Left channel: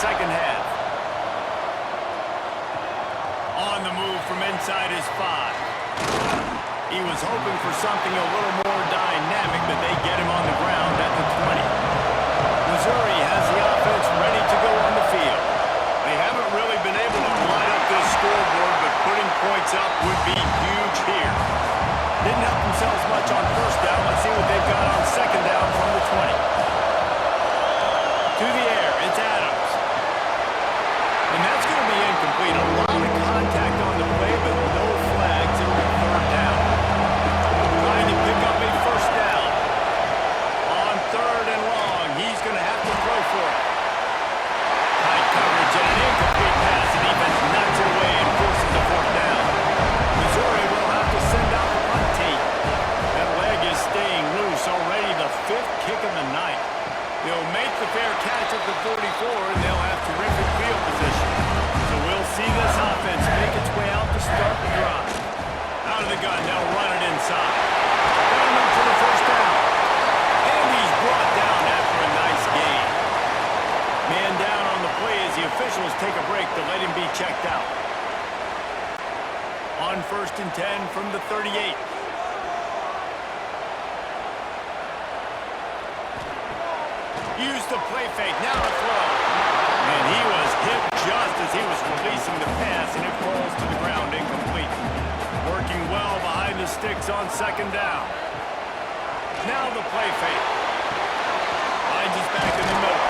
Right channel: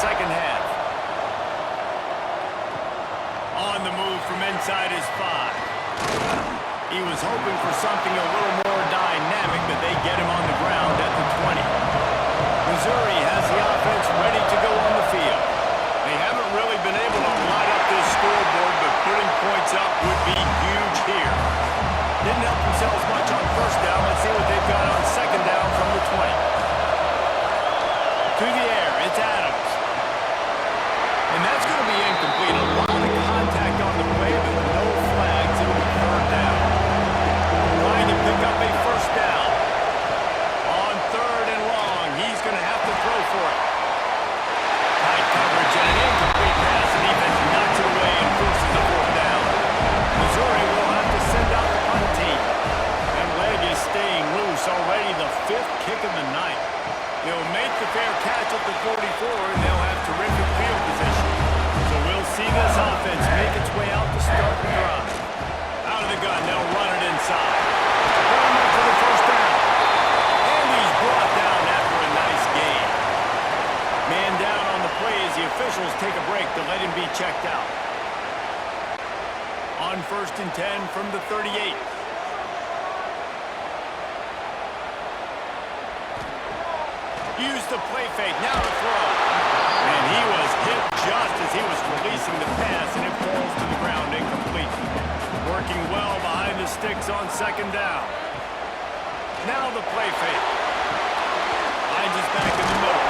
second half. On the move from inside his 5. He was hoping for something a little more dynamic, but they get him on the ground at the 20. Missouri has the offense ready to go on the field. They haven't really been able to light up this scoreboard, but putting points up would be huge here. Didn't help themselves much on first down. Let's see what they've got on second down from the 20. To the air, it's Adams. And that's going to be incomplete. A lot of contact on the play, but no flags. It'll be third down. Trying to pick up a first down. On third and long, he's going to have to throw for it. Tight coverage and an incomplete pass. The defense knocks it away and forces a fourth down. Missouri will have to send out the punt team. That leg is staying loose. Already the 5th kick of the night. He'll make the fair catch at the 44, and they'll have terrific field position. So we'll see this offense make its way out to start the drive. Out of the gun, they'll run it inside. Down up for the first down. And he's brought down after a nice gain. Man down on the play as the officials take a break to let him be checked out. On 1st and 10 from the 38. Use the play fake, now to throw. And he was hit just as he was releasing the pass, and it falls to the ground incomplete. Working well behind the sticks on second down. Now the play fake. Finds his back in the middle.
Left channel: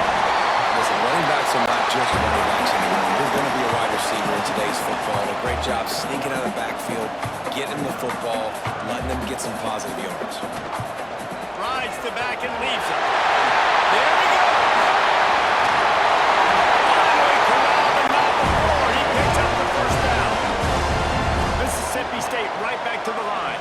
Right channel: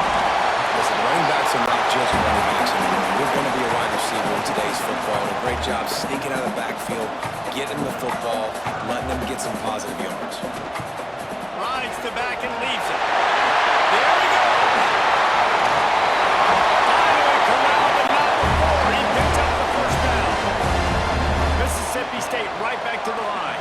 Listen, running backs are not just running backs anymore. You're going to be a wide receiver in today's football. A great job sneaking out of the backfield, getting the football, letting them get some positive yards. Rides the back and leaves it. There he goes. Finally corralled, but not before. He picks up the first down. Mississippi State right back to the line.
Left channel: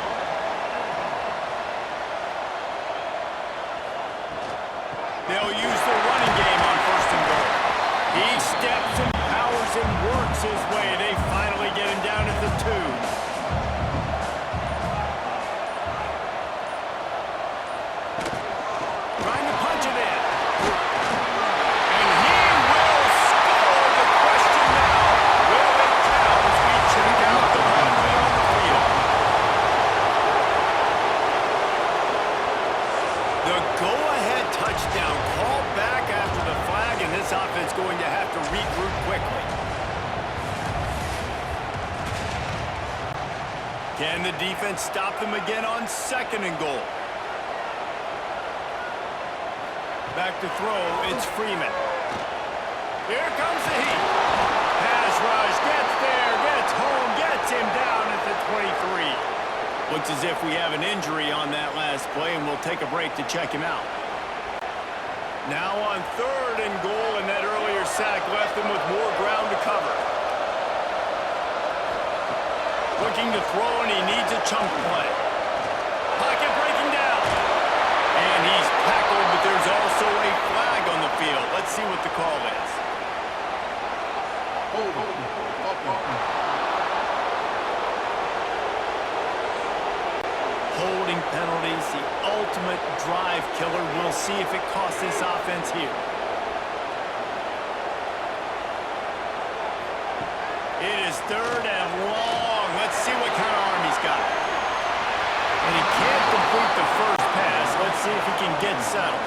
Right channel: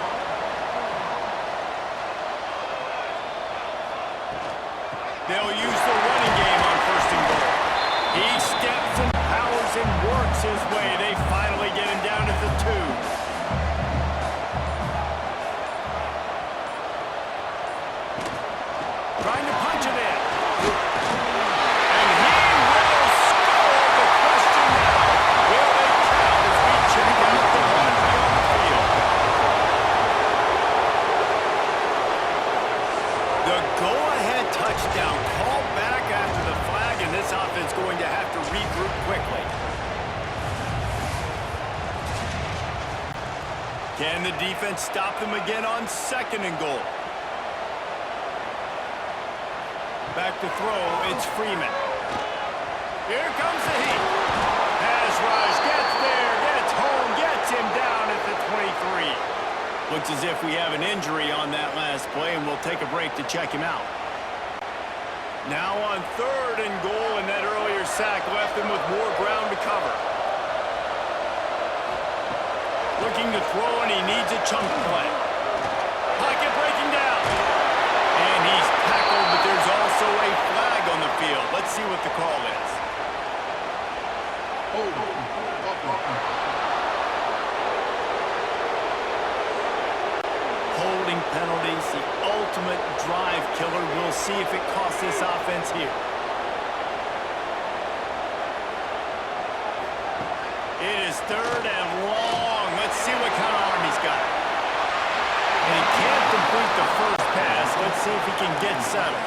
They'll use the running game on 1st and goal. He steps and powers and works his way. They finally get him down at the 2. Trying to punch it in. And he will score. The question now, will they count as we check out the runway on the field? The go-ahead touchdown called back after the flag, and this offense going to have to regroup quickly. Can the defense stop them again on 2nd and goal? Back to throw, it's Freeman. Here comes the heat. Pass rush, gets there, gets home, gets him down at the 23. Looks as if we have an injury on that last play, and we'll take a break to check him out. Now on 3rd and goal, and that earlier sack left him with more ground to cover. Looking to throw, and he needs a chunk play. Pocket breaking down. And he's tackled, but there's also a flag on the field. Let's see what the call is. Holding penalties, the ultimate drive killer. We'll see if it costs this offense here. It is 3rd and long. Let's see what kind of arm he's got. And he can't complete the first pass. Let's see if he can get settled.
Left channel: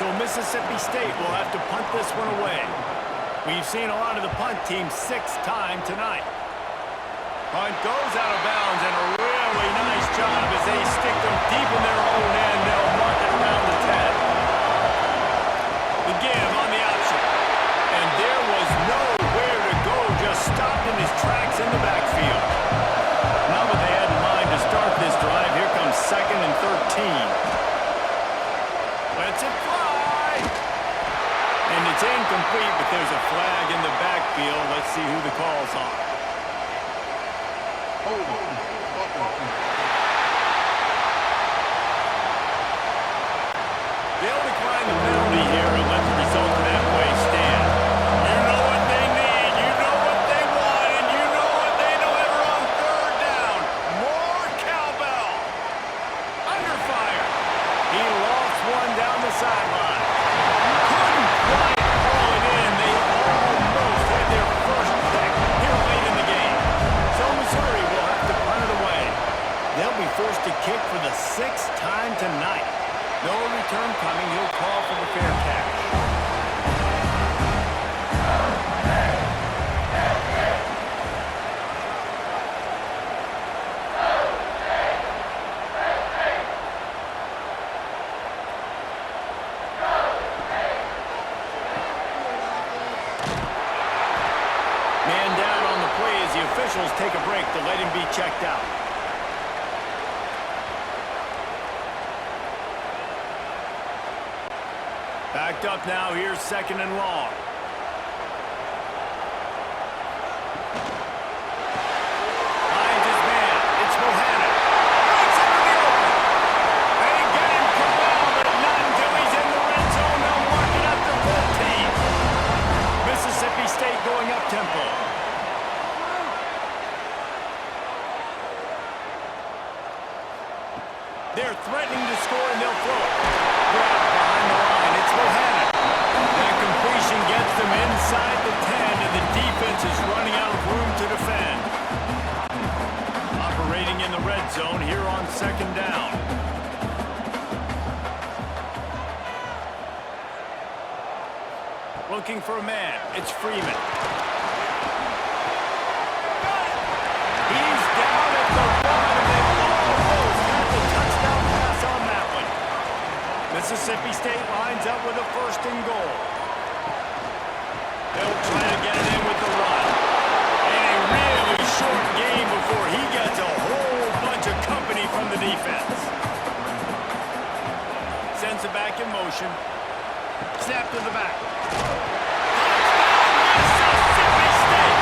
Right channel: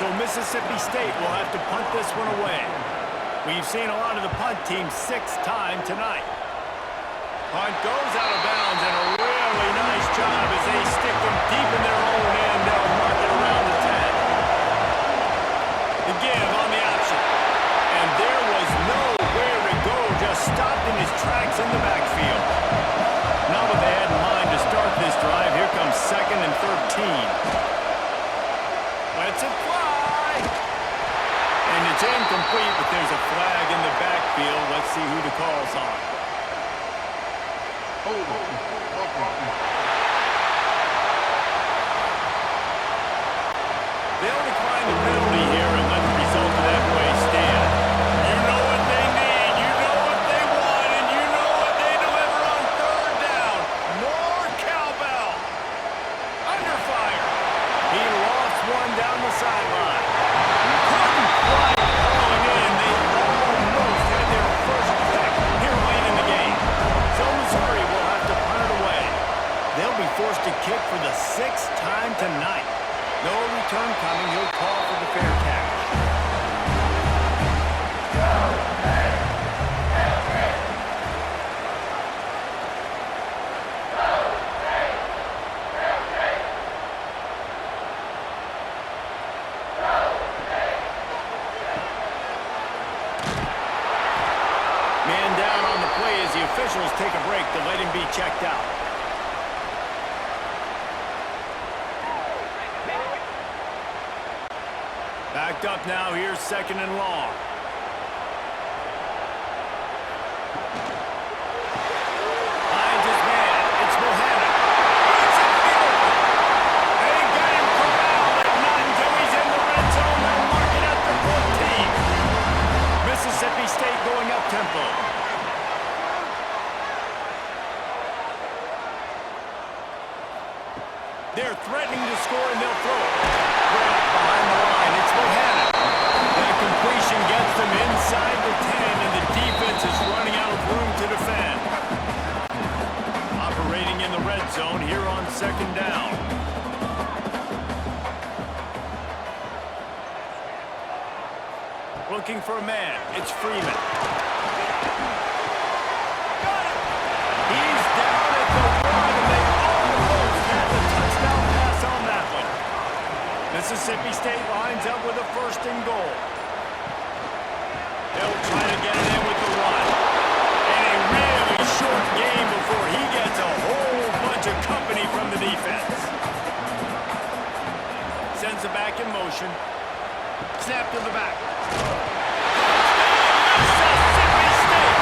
So Mississippi State will have to punt this one away. We've seen a lot of the punt teams 6 times tonight. Punt goes out of bounds, and a really nice job as they stick them deep in their own end. They'll mark it around the 10. The give on the option. And there was nowhere to go, just stopped in his tracks in the backfield. Not what they had in mind to start this drive. Here comes 2nd and 13. Lets it fly. And it's incomplete, but there's a flag in the backfield. Let's see who the call's on. They'll decline the penalty here and let the result of that play stand. You know what they need, you know what they want, and you know what they deliver on 3rd down. More cowbell. Under fire. He lost one down the sideline. Couldn't quite haul it in. They return coming. He'll call for the fair catch. Man down on the play as the officials take a break to let him be checked out. Backed up now, here's 2nd and long. Finds his man, it's Bohannon. Breaks into the open. They get him corralled, but not until he's in the red zone. They'll mark it up to 14. Mississippi State going up tempo. They're threatening to score and they'll throw it. Grab behind the line, it's Bohannon. That completion gets them inside the 10 and the defense is running out of room to defend. Operating in the red zone here on 2nd down. Looking for a man, it's Freeman. Got it! He's down at the 1 and they almost had the touchdown pass on that one. Mississippi State lines up with a 1st and goal. They'll try to get it in with the run. And a really short game before he gets a whole bunch of company from the defense. Sends it back in motion. Snap to the back. Touchdown, Mississippi State!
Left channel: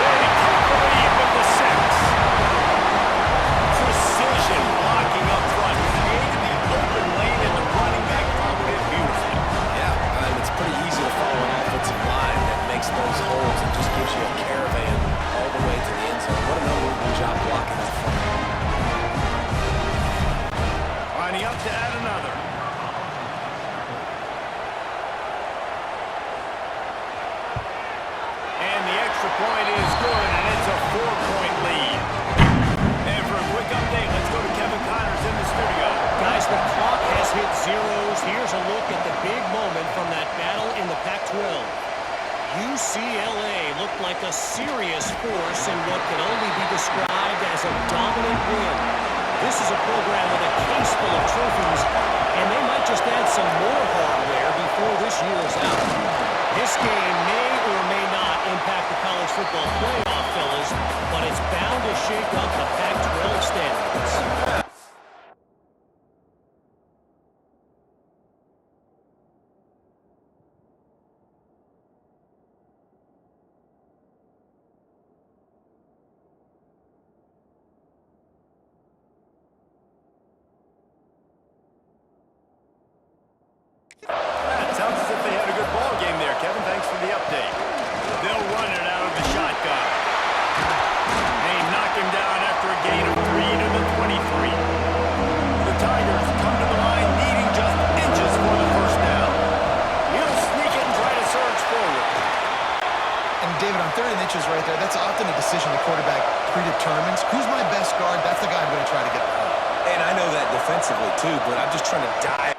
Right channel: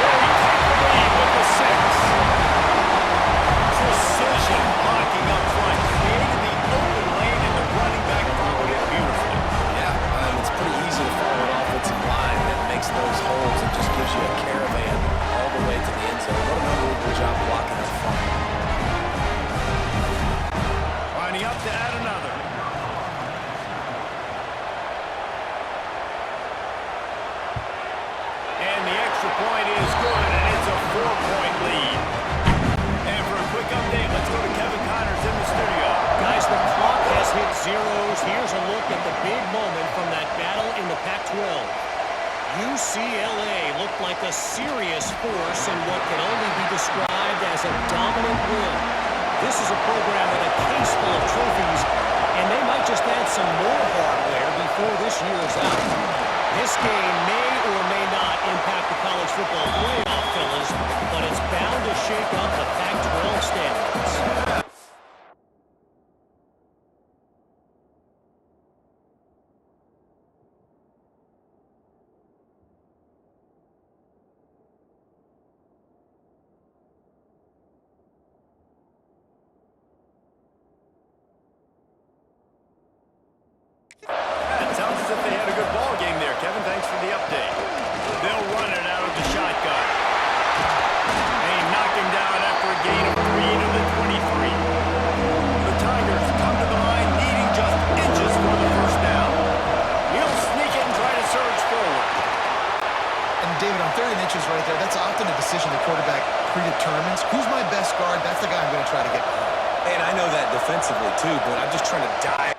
They take the lead with the 6. Precision blocking up front. Created the open lane and the running back followed it beautifully. Yeah, it's pretty easy to follow an offensive line that makes those holes and just gives you a caravan all the way to the end zone. What an unbelievable job blocking up front. Lining up to add another. And the extra point is good, and it's a 4-point lead. And for a quick update, let's go to Kevin Connors in the studio. Guys, the clock has hit zeros. Here's a look at the big moment from that battle in the Pac-12. UCLA looked like a serious force in what can only be described as a dominant win. This is a program with a case full of trophies, and they might just add some more hardware before this year is out. This game may or may not impact the college football playoff, fellas, but it's bound to shake up the Pac-12 standings. Sounds as if they had a good ball game there, Kevin. Thanks for the update. They'll run it out of the shotgun. They knock him down after a gain of 3 to the 23. The Tigers come to the line needing just inches for the 1st down. He'll sneak it and try to surge forward. And David, on 3rd and inches right there, that's often a decision the quarterback predetermines. Who's my best guard? That's the guy I'm going to try to get behind. And I know that defensively too, but I'm just trying to dive.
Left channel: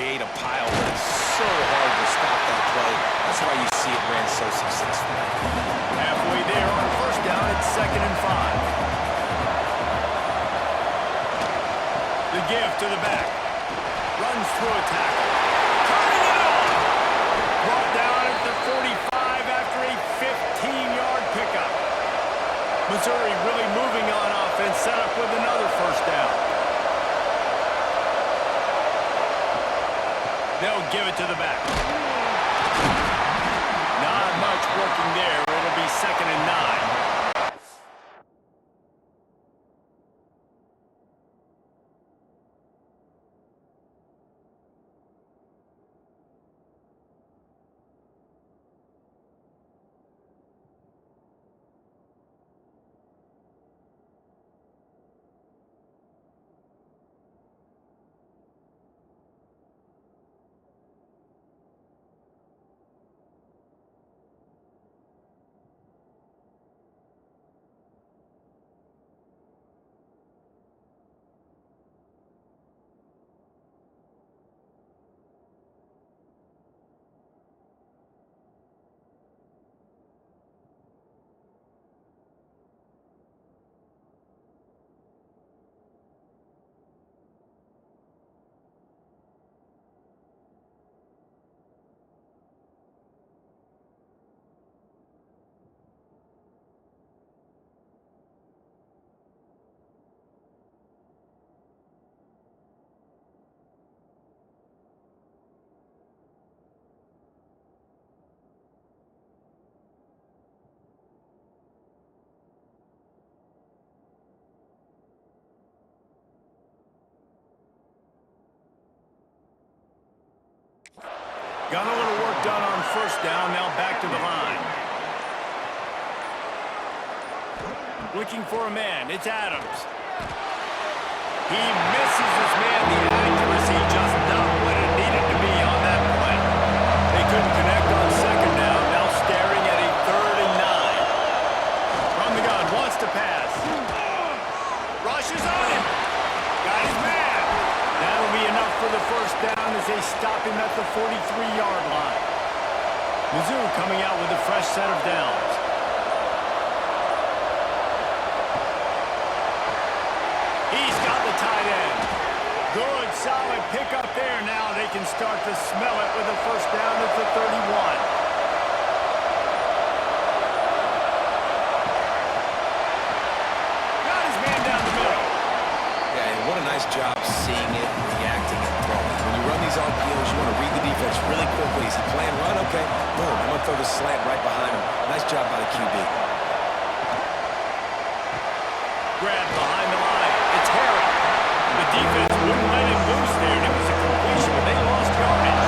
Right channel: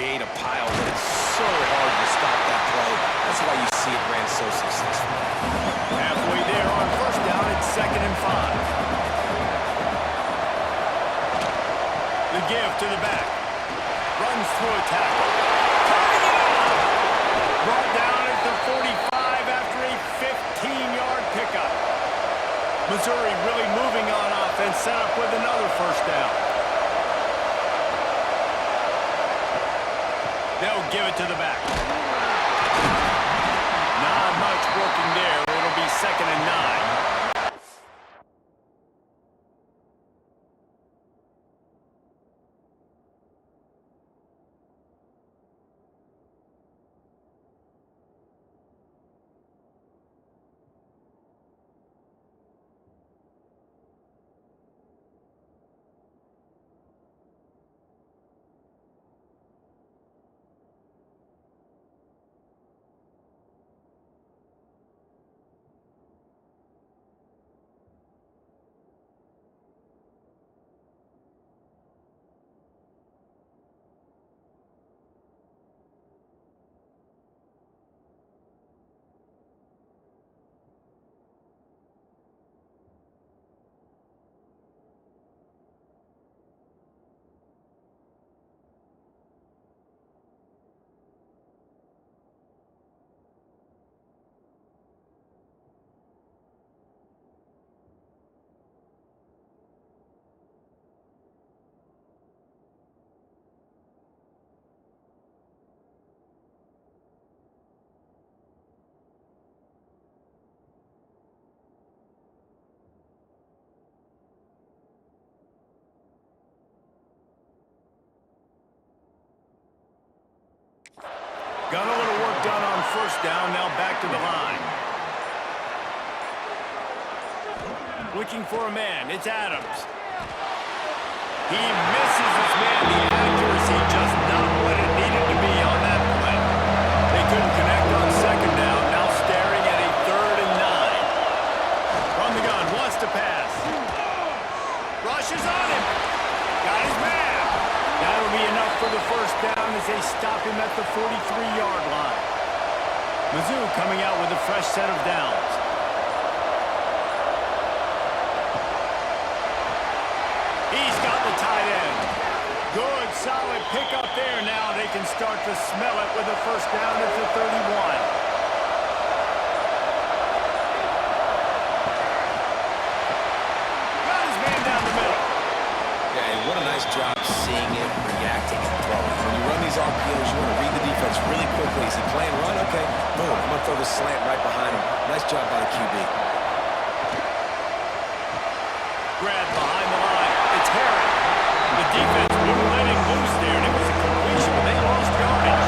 Create a pile, but it's so hard to stop that play. That's why you see it ran so successfully. Halfway there on 1st down, it's 2nd and 5. The give to the back. Runs through a tackle. Turning it on! Brought down at the 45 after a 15-yard pickup. Missouri really moving on offense, set up with another 1st down. They'll give it to the back. Not much working there. It'll be 2nd and 9. Got a little work done on first down, now back to the line. Looking for a man, it's Adams. He misses his man, the accuracy just not what it needed to be on that play. They couldn't connect on second down, now staring at a 3rd and 9. From the gun, wants to pass. Rushes on him. Got his man. That'll be enough for the first down as they stop him at the 43-yard line. Mizzou coming out with a fresh set of downs. He's got the tight end. Good, solid pickup there. Now they can start to smell it with a first down at the 31. Got his man down the middle. Yeah, and what a nice job seeing it, reacting, and throwing. When you run these RPOs, you want to read the defense really quickly. Is he playing run? Okay, boom. I'm going to throw this slant right behind him. Nice job by the QB. Grab behind the line. It's Herron. The defense wouldn't let him loose there, and it was a completion, but they lost yardage.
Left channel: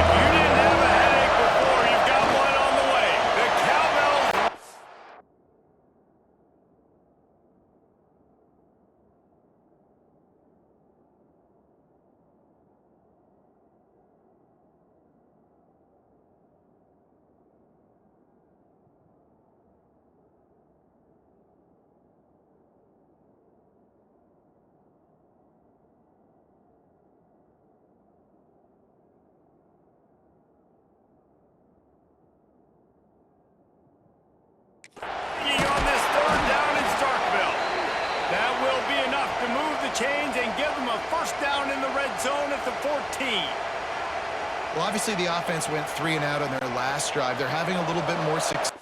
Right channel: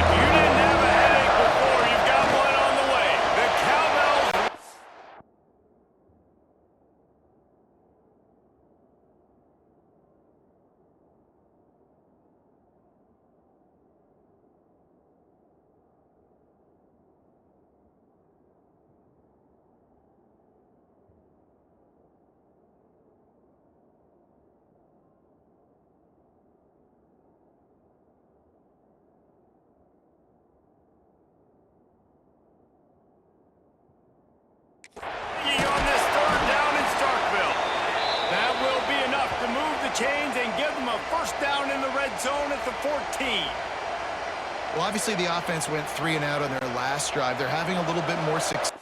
If you didn't have a headache before, you've got one on the way. The Cowbells. On this 3rd down in Starkville. That will be enough to move the chains and give them a first down in the red zone at the 14. Well, obviously the offense went 3 and out on their last drive. They're having a little bit more success.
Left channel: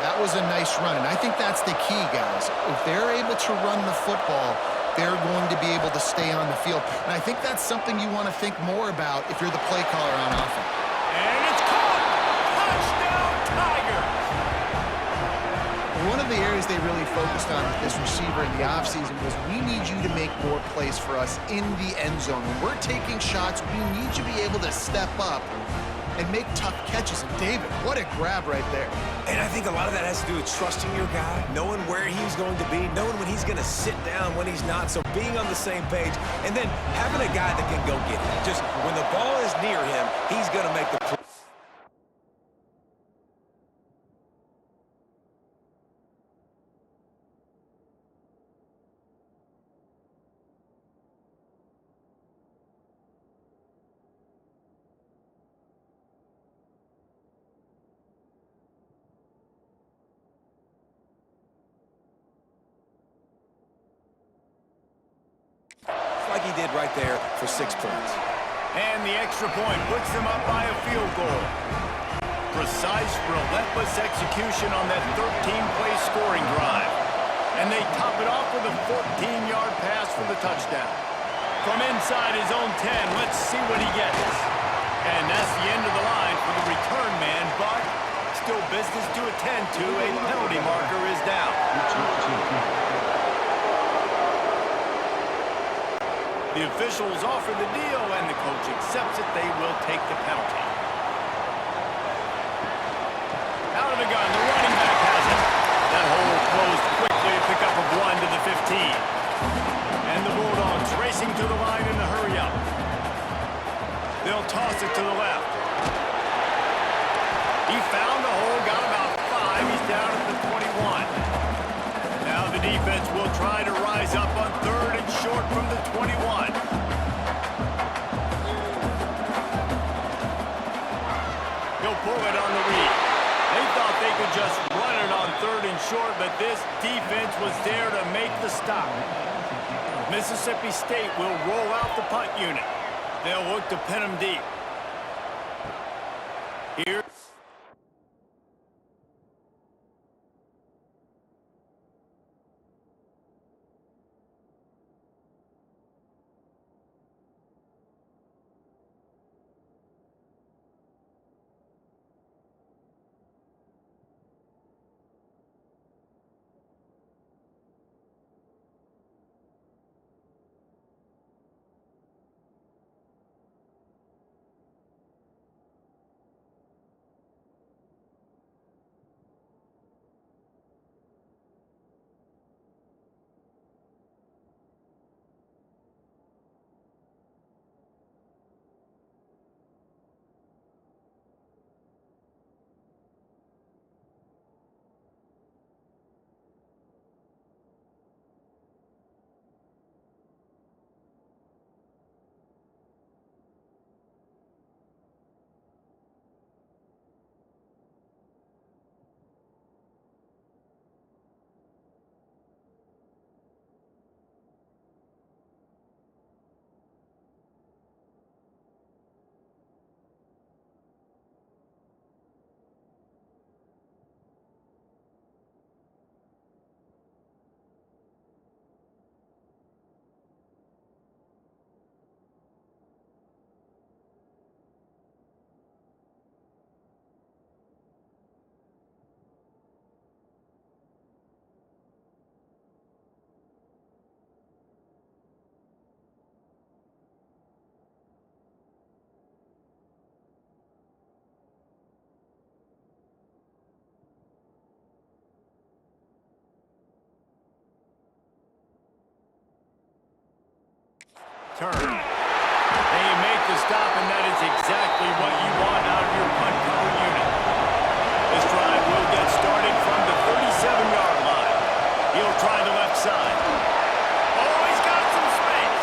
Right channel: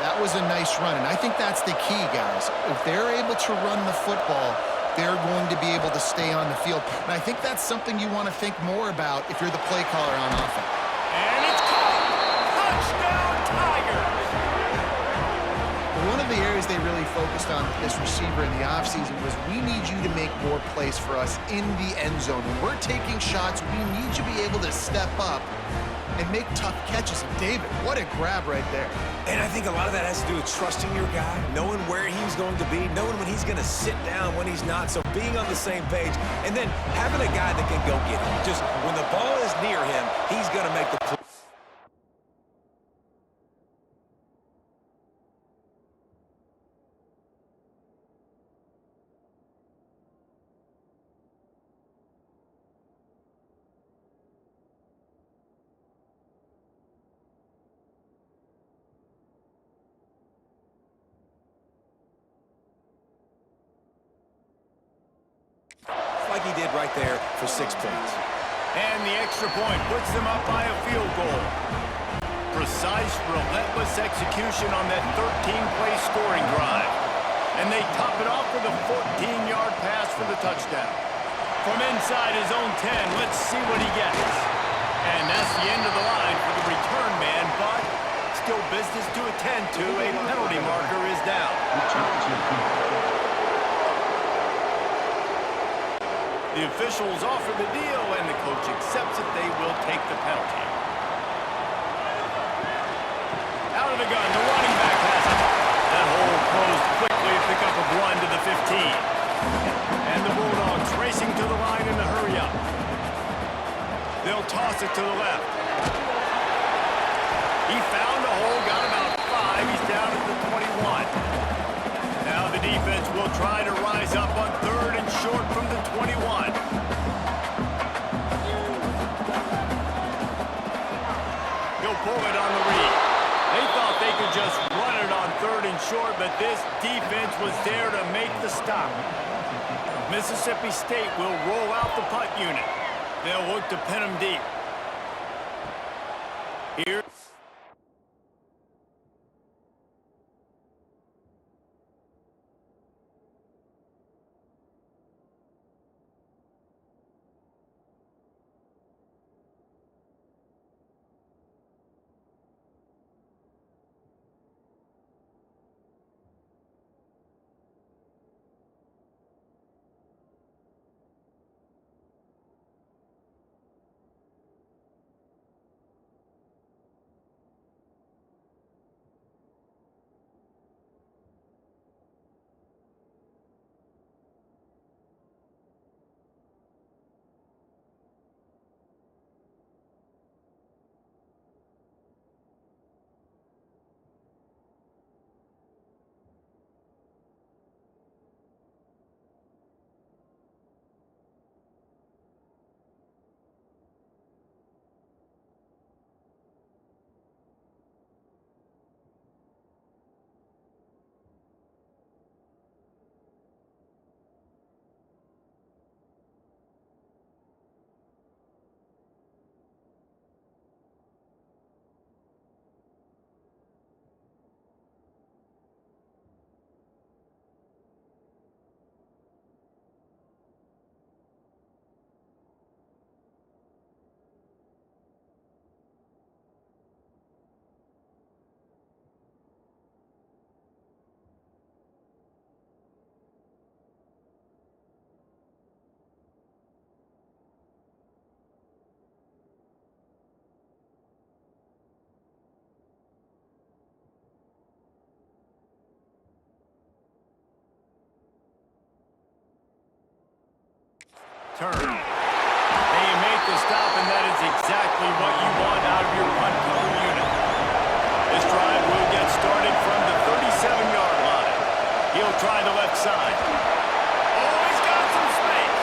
That was a nice run, and I think that's the key, guys. If they're able to run the football, they're going to be able to stay on the field. And I think that's something you want to think more about if you're the play caller on offense. And it's caught! Touchdown, Tigers! One of the areas they really focused on with this receiver in the offseason was we need you to make more plays for us in the end zone. When we're taking shots, we need you to be able to step up and make tough catches. And David, what a grab right there. And I think a lot of that has to do with trusting your guy, knowing where he's going to be, knowing when he's going to sit down, when he's not, so being on the same page, and then having a guy that can go get it. Just when the ball is near him, he's going to make the play. Like he did right there for 6 points. And the extra point puts them up by a field goal. Precise, relentless execution on that 13-play scoring drive. And they top it off with a 14-yard pass for the touchdown. From inside his own 10, let's see what he gets. And that's the end of the line for the return man, but still business to attend to. A penalty marker is down. The officials offer the deal, and the coach accepts it. They will take the penalty. Out of the gun, the running back has it. That hole closed quickly, a pickup of 1 to the 15. And the Bulldogs racing to the line in a hurry up. They'll toss it to the left. He found a hole, got about 5. He's down at the 21. Now the defense will try to rise up on 3rd and short from the 21. He'll pull it on the read. They thought they could just run it on 3rd and short, but this defense was there to make the stop. Mississippi State will roll out the punt unit. They'll look to pin him deep. Here. Turn. And you make the stop, and that is exactly what you want out of your punt cover unit. This drive will get started from the 37-yard line. He'll try the left side. Oh, he's got some space.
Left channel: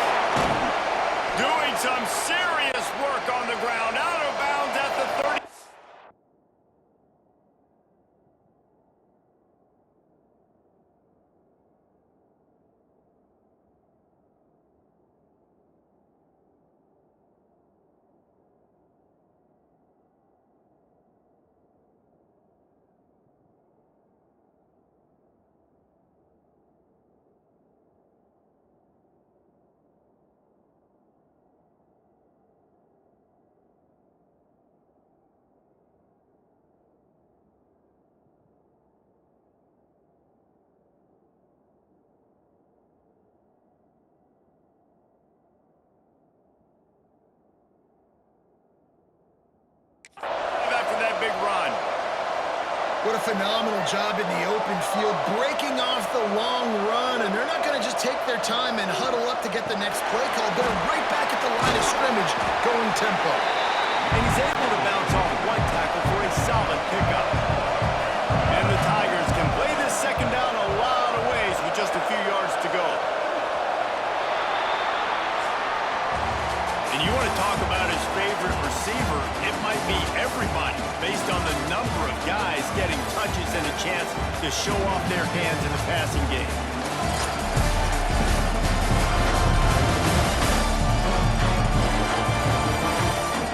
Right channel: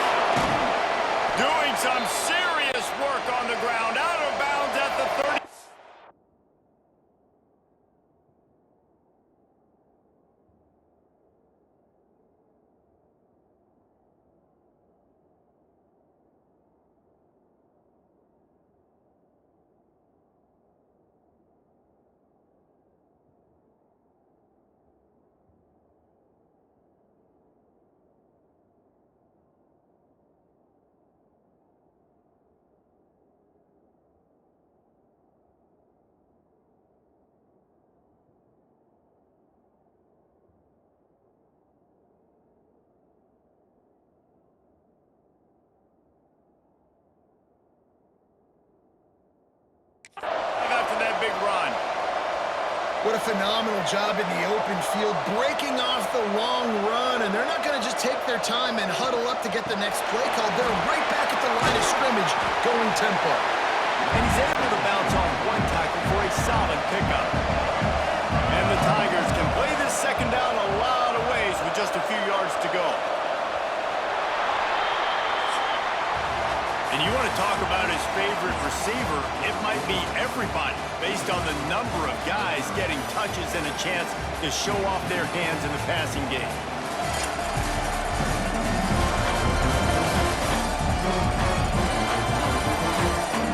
Doing some serious work on the ground, out of bounds at the 30. After that big run. What a phenomenal job in the open field, breaking off the long run, and they're not going to just take their time and huddle up to get the next play called. They're right back at the line of scrimmage, going tempo. And he's able to bounce off one tackle for a solid pickup. And the Tigers can play this second down a lot of ways with just a few yards to go. And you want to talk about his favorite receiver, it might be everybody based on the number of guys getting touches and a chance to show off their hands in the passing game.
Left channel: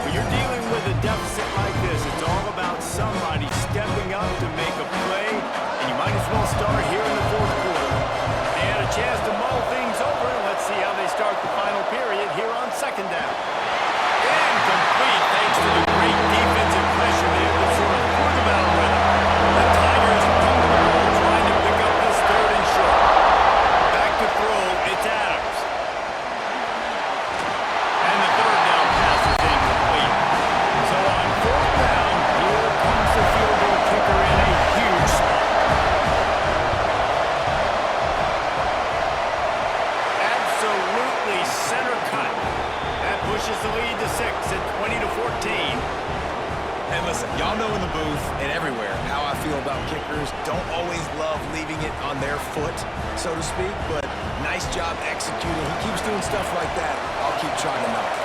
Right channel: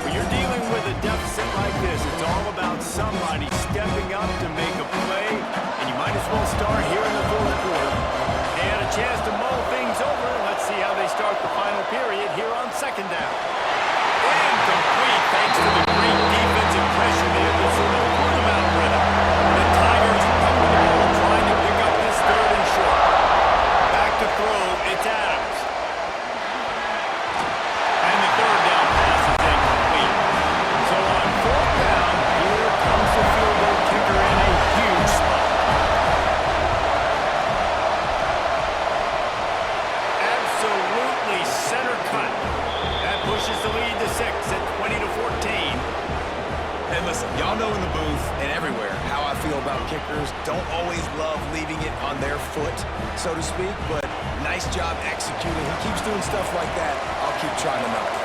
When you're dealing with a deficit like this, it's all about somebody stepping up to make a play, and you might as well start here in the fourth quarter. And a chance to mull things over, and let's see how they start the final period here on second down. Incomplete, thanks to the great defensive pressure there that sort of threw them out of rhythm. The Tigers come to the ball, trying to pick up this third and short. Back to throw, it's Adams. And the third down pass is incomplete. So on fourth down, here comes the field goal kicker in a huge spot. Absolutely center cut. That pushes the lead to 6 at 20-14. And listen, y'all know in the booth and everywhere how I feel about kickers. Don't always love leaving it on their foot, so to speak, but nice job executing. He keeps doing stuff like that. I'll keep trying to knock it.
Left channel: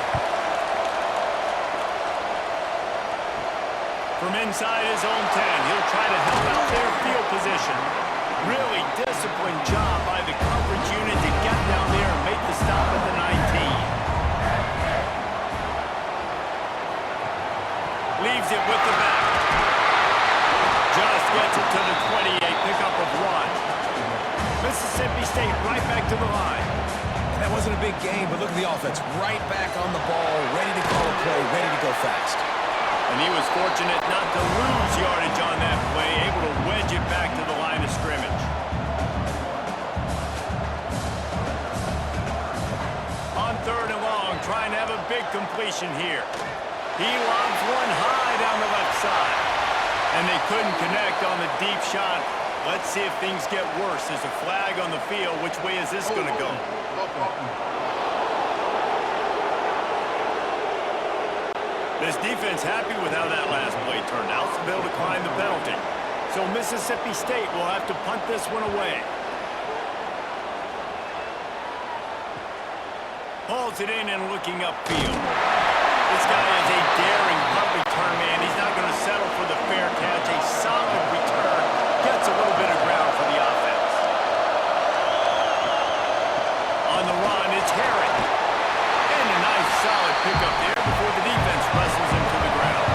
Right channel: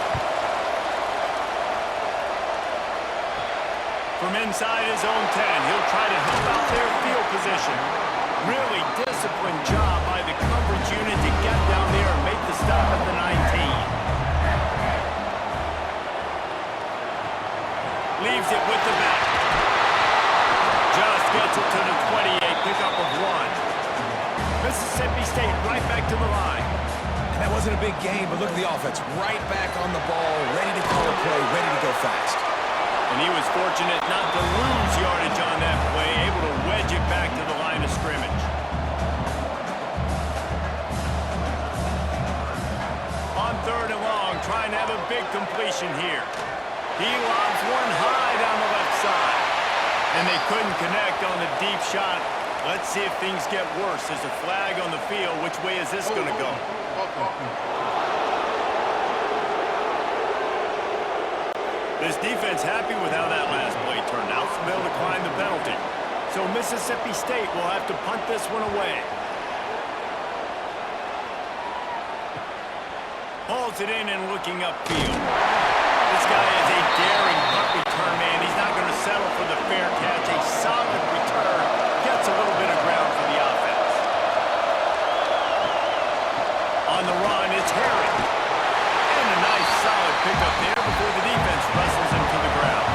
From inside his own 10, he'll try to help out their field position. Really disciplined job by the coverage unit to get down there and make the stop at the 19. Leaves it with the back. Just gets it to the 28, pickup of 1. Mississippi State right back to the line. And that wasn't a big game, but look at the offense. Right back on the ball, ready to call a play, ready to go fast. And he was fortunate not to lose yardage on that play, able to wedge it back to the line of scrimmage. On 3rd and long, trying to have a big completion here. He lobs one high down the left side. And they couldn't connect on the deep shot. Let's see if things get worse. There's a flag on the field. Which way is this going to go? This defense happy with how that last play turned out, so they'll decline the penalty. So Mississippi State will have to punt this one away. Hauls it in and looking upfield. This guy is a daring punt return man. He's not going to settle for the fair catch. A solid return. Gets a little bit of ground for the offense. On the run, it's Herring. And a nice solid pickup there before the defense wrestles him to the ground.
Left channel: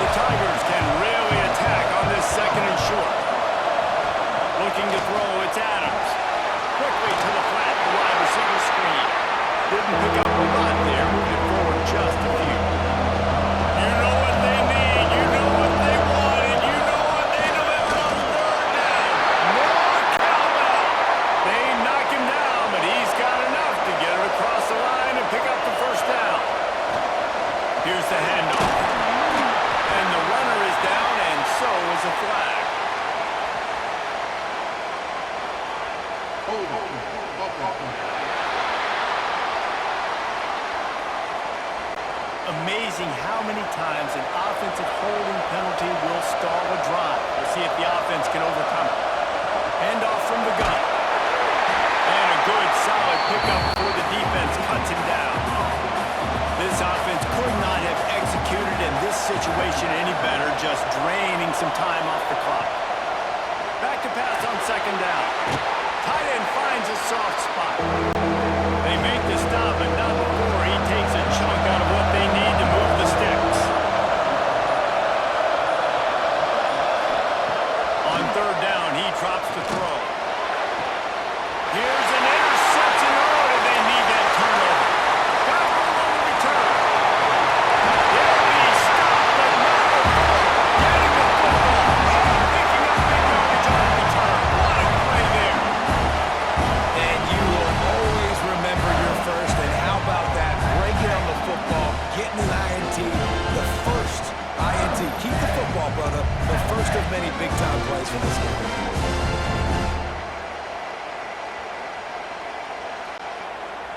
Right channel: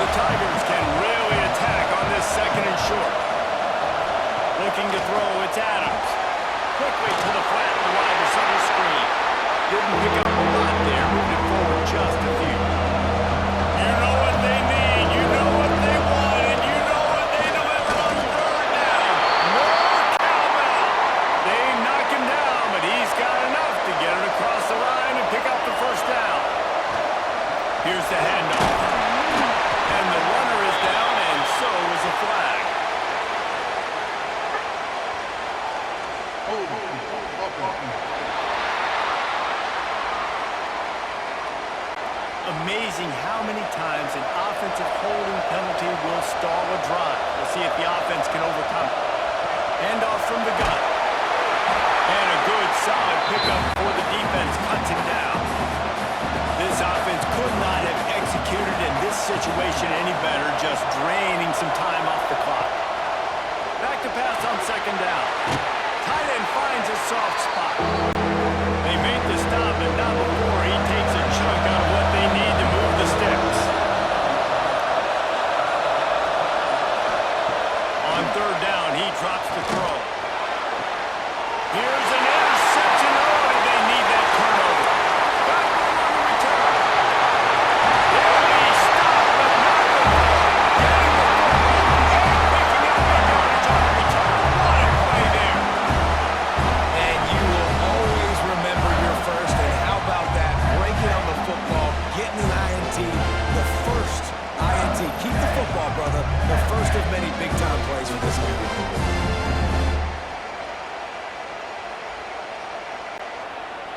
The Tigers can really attack on this 2nd and short. Looking to throw, it's Adams. Quickly to the flat, the wide receiver screen. Didn't pick up a lot there, moved it forward just a few. You know what they need, you know what they want, and you know what they delivered on 3rd down. More cowbell. They knock him down, but he's got enough to get it across the line and pick up the 1st down. Here's the handoff. And the runner is down, and so is a flag. Amazing how many times an offensive holding penalty will stall a drive. We'll see if the offense can overcome it. Handoff from the gun. And a good, solid pickup before the defense cuts him down. This offense could not have executed in this situation any better, just draining some time off the clock. Back to pass on 2nd down. Tight end finds a soft spot. They make the stop, but not before he takes a chunk out of what they need to move the sticks. On 3rd down, he drops the throw. Here's an interception. Oh, did they need that turnover? Got room on the return. They'll be stopped, but not before getting the football and picking up big yardage on the return. What a play there. And you will always remember your first, and how about that? Breaking on the football, getting an INT, the first INT. Keep the football, brother. The first of many big-time plays for this guy.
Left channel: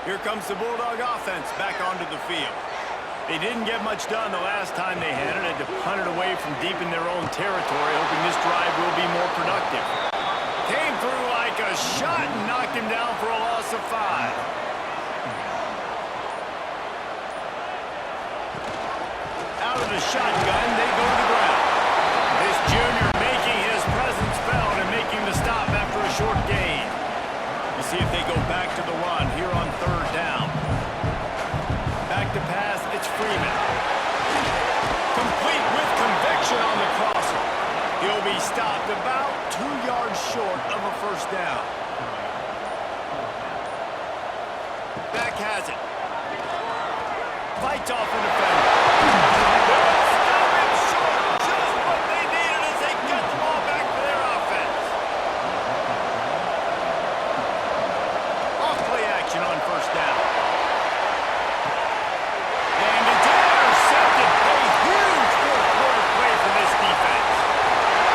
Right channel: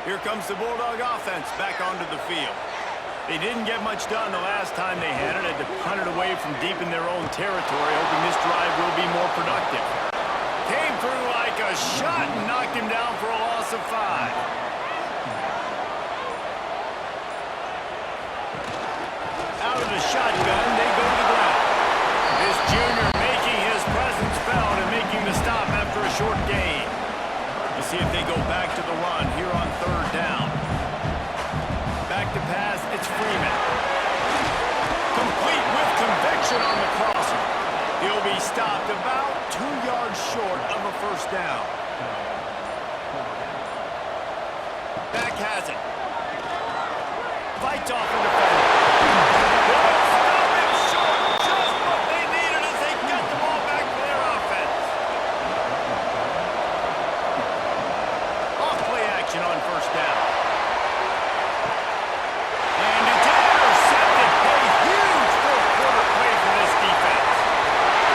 Here comes the Bulldog offense back onto the field. They didn't get much done the last time they had it. Had to punt it away from deep in their own territory, hoping this drive will be more productive. Came through like a shot and knocked him down for a loss of 5. Out of the shotgun, they go to the ground. This junior making his presence felt and making the stop after a short gain. We'll see if they go back to the run here on 3rd down. Back to pass, it's Freeman. Complete with conviction on the crosser. He'll be stopped about 2 yards short of a 1st down. Back has it. Fights off a defender. They'll stop him short. Just what they needed as they get the ball back for their offense. Off-play action on 1st down. And it's intercepted. A huge 4th quarter play for this defense.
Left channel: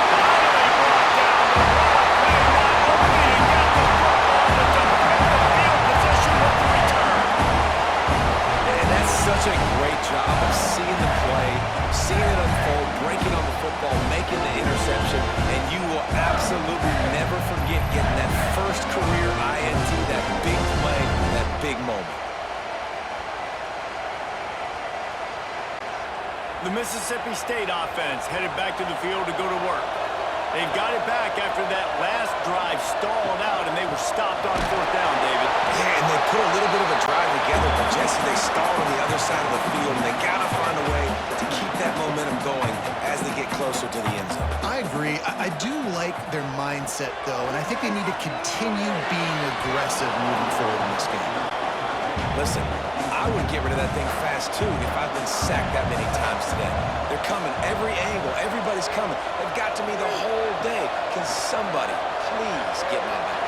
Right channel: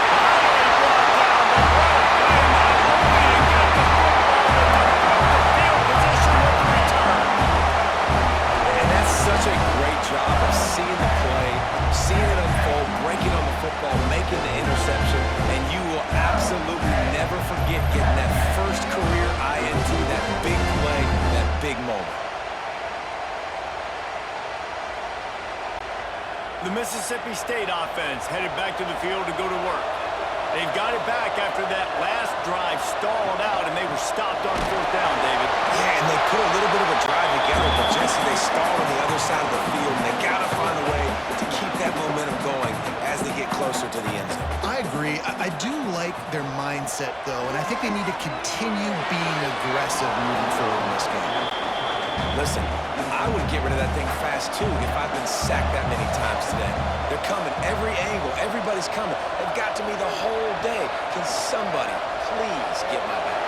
Finally brought down, but what a play, not only to get the football, but to flip the field position with the return. And that's such a great job of seeing the play, seeing it unfold, breaking on the football, making the interception, and you will absolutely never forget getting that first career INT, that big play, that big moment. The Mississippi State offense headed back to the field to go to work. They've got it back after that last drive stalled out, and they were stopped on fourth down, David. Yeah, and they put a little bit of a drive together, but Jesse, they stalled on the other side of the field, and they got to find a way to keep that momentum going as they get closer to the end zone. I agree. I do like their mindset, though, and I think they need to continue being aggressive moving forward in this game. Listen, I would get rid of that thing fast, too, if I've been sacked that many times today. They're coming every angle. Everybody's coming. They've got to me the whole day. Can somebody please get my back?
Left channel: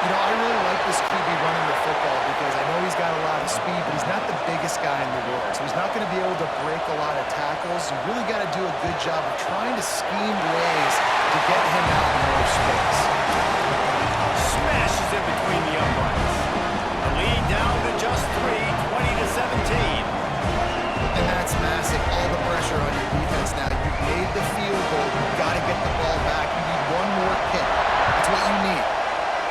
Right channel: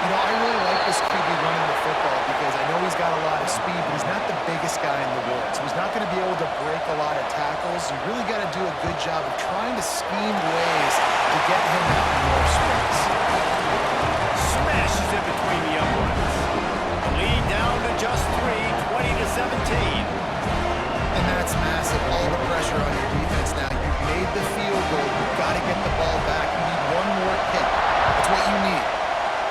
You know, I really like this QB running the football because I know he's got a lot of speed, but he's not the biggest guy in the world. So he's not going to be able to break a lot of tackles. You really got to do a good job of trying to scheme ways to get him out in more space. Smashes it between the uprights. The lead down to just 3, 20-17. And that's massive. All the pressure on your defense now. You've made the field goal. You've got to get the ball back. You need one more kick. That's what you need.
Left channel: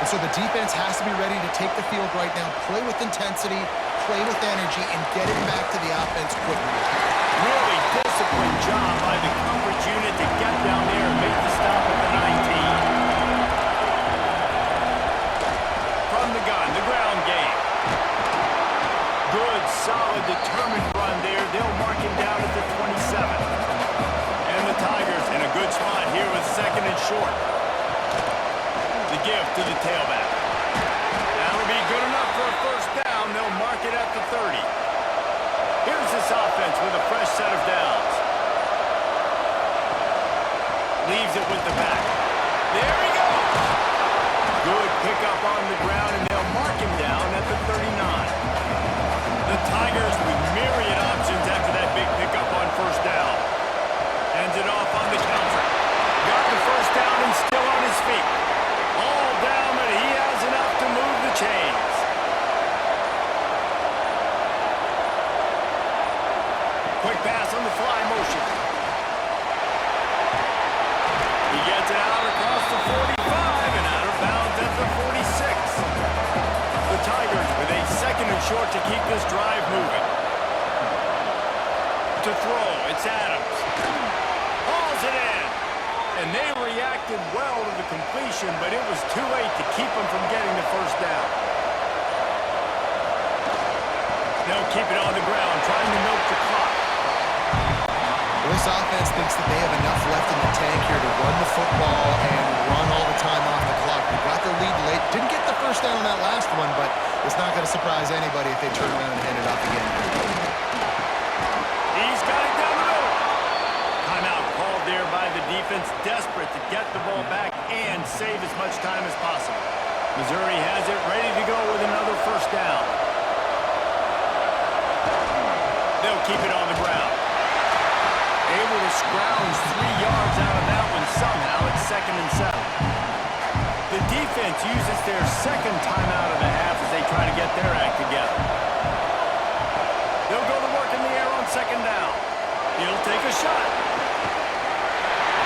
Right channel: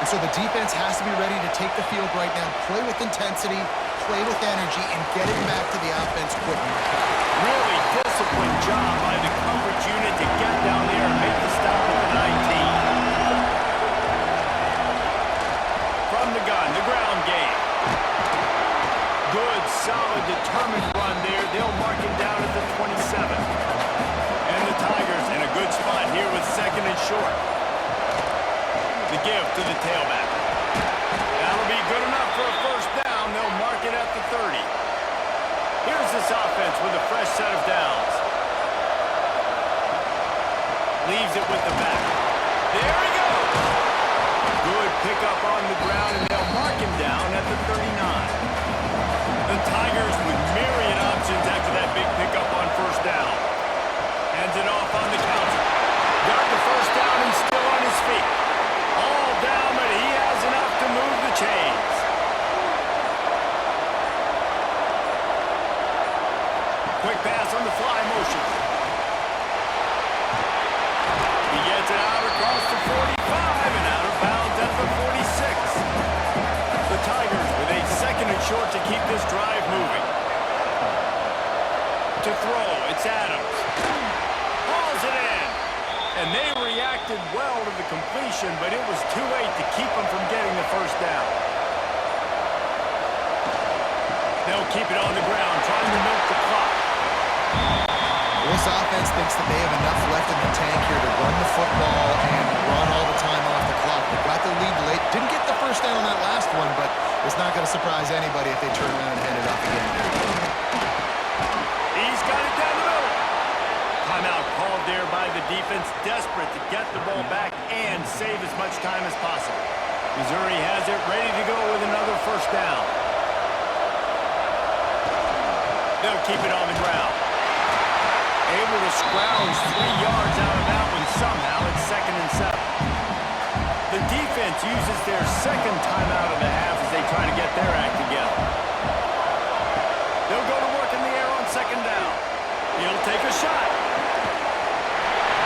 And so the defense has to be ready to take the field right now, play with intensity, play with energy, and get it back to the offense quickly. Really disciplined job by the coverage unit to get down there and make the stop at the 19. From the gun, the ground game. Good, solid, determined run there. They'll mark him down at the 27. And the Tigers in a good spot here with second and short. The give to the tailback. That'll be good enough for a first down. They'll mark it at the 30. Here's this offense with a fresh set of downs. Leaves it with the back. There he goes. Good pickup on the ground, and they'll mark him down at the 39. The Tigers with myriad options after that big pickup on first down. Hands it off on the counter. Got the first down and still on his feet. All down, but he has enough to move the chains. Quick pass on the fly motion. He gets it out across the 45 and out of bounds at the 46. The Tigers with a second and short to keep this drive moving. To throw, it's Adams. Hauls it in. And they reacted well to the completion, but it was too late to keep them from getting the first down. They'll keep it on the ground, trying to milk the clock. This offense thinks that they have enough left in the tank here to run the football and run all the time off the clock. They got the lead late. Didn't get the first down on that last one, but it's not going to surprise anybody if they turn around and hand it off again. He's got it down the middle. Timeout called there by the defense, desperate to get the ball back and save as much time as possible. Missouri has it ready to go with another first down. They'll keep it on the ground. Able to scrounge 3 yards out of that one somehow. It's 2nd and 7. The defense uses their second timeout of the half as they try to get their act together. They'll go to work in the air on second down. He'll take a shot.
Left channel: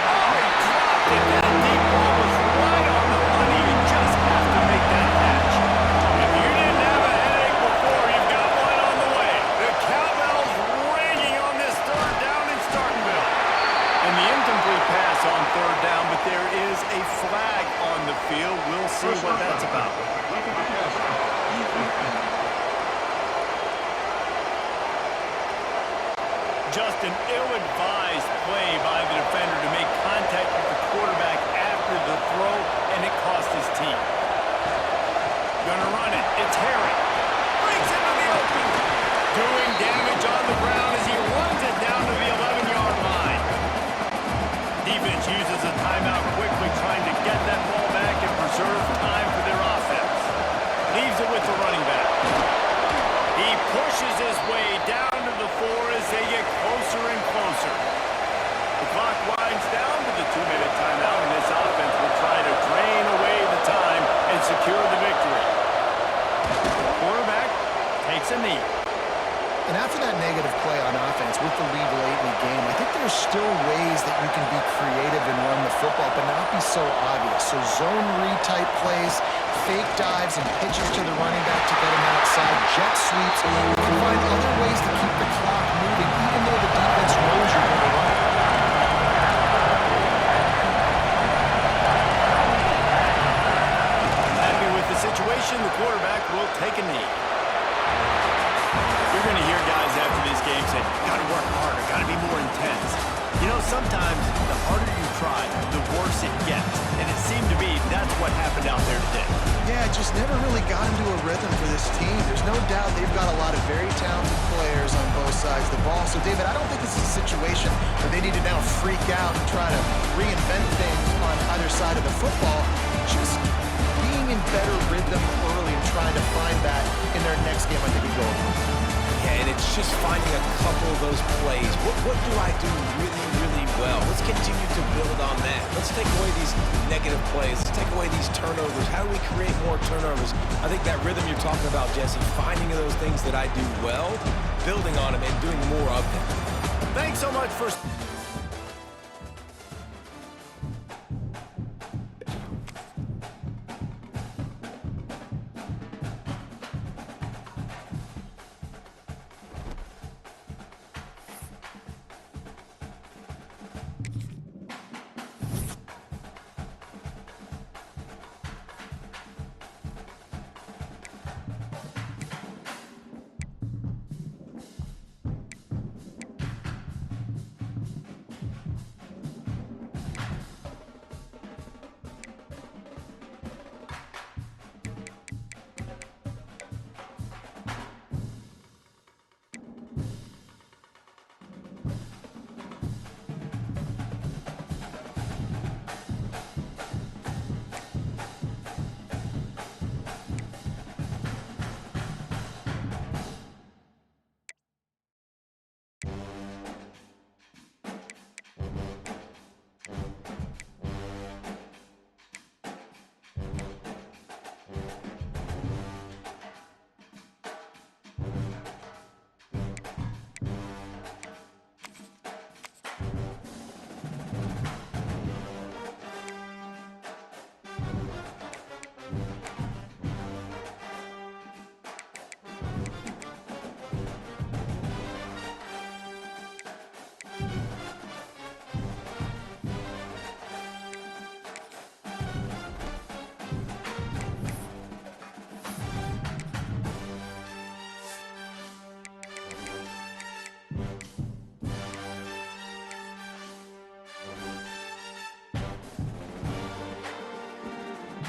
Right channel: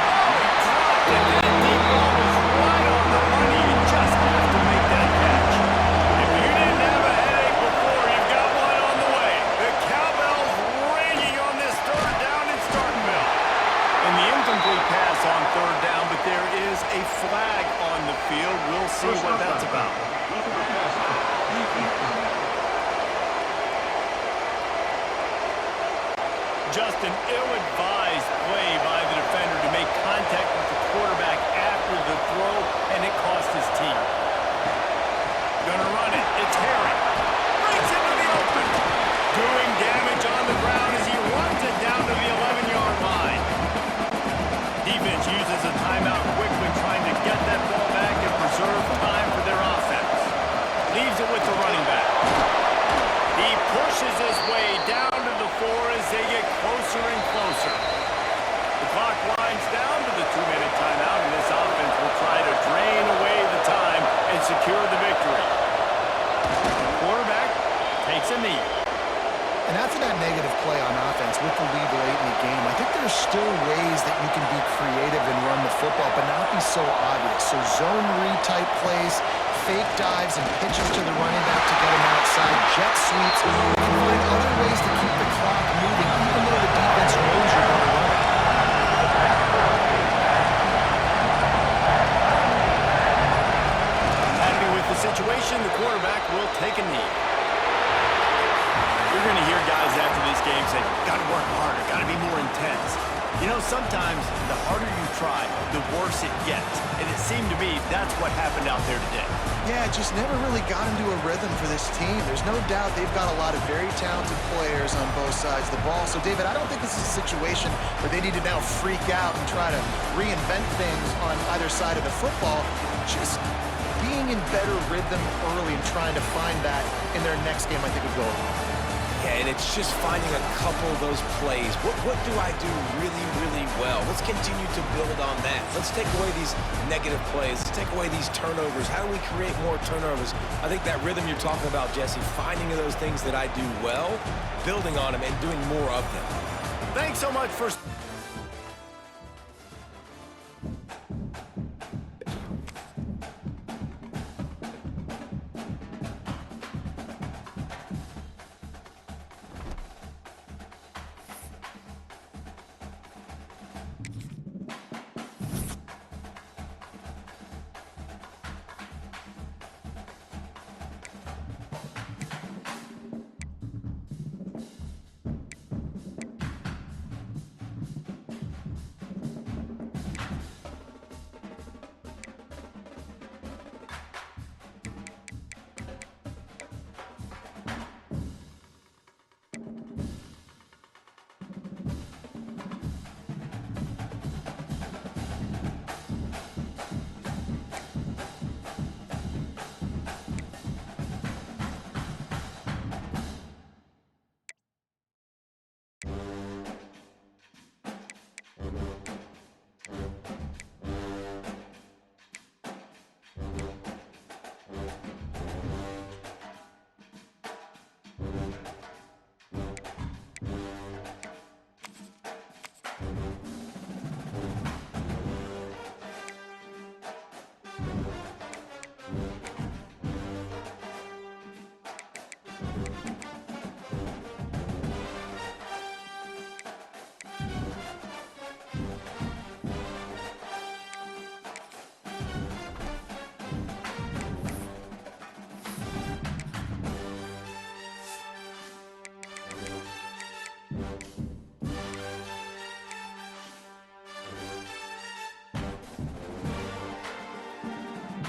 Oh, he dropped it. That deep ball was right on the money. You just have to make that catch. If you didn't have a headache before, you've got one on the way. The cowbell's ringing on this third down in Starkville. And the incomplete pass on third down, but there is a flag on the field. We'll see what that's about. Just an ill-advised play by the defender to make contact with the quarterback after the throw, and it cost his team. Gonna run it. It's Herring. Brings into the open. Doing damage on the ground as he runs it down to the 11-yard line. Defense uses a timeout quickly, trying to get that ball back and preserve time for their offense. Leaves it with the running back. He pushes his way down to the 4 as they get closer and closer. The clock winds down to the 2-minute timeout, and this offense will try to drain away the time and secure the victory. The quarterback takes a knee. And after that negative play on offense with the lead late in the game, I think there's still ways that you can be creative and run the football, but not be so obvious. So zone read type plays, fake dives, and pitches to the running back to get him outside, jet sweeps. You can find other ways to keep the clock moving, even though the defense knows you're going to run it. possession, the quarterback will take a knee. You're going to hear guys after this game say, got to work harder, got to be more intense. You know, sometimes the harder you try, the worse it gets. And it seemed to me that's what happened out there today. Yeah, it just never really got into a rhythm for this team. There's no doubt they've got a lot of very talented players on both sides of the ball. So, David, I don't think this is a situation where they need to now freak out and try to reinvent things on either side of the football. Just being in better rhythm early and trying to find that in their next game, I think would go a long way. Yeah, and it's just finding a couple of those plays. What do I do really, really well? Let's continue to build on that. Let's take away these negative plays. Let's take away these turnovers. How do we create more turnovers? I think that rhythm you're talking about, Jesse, finding those things that I do well, building on them, and doing more of them. Thanks so much for...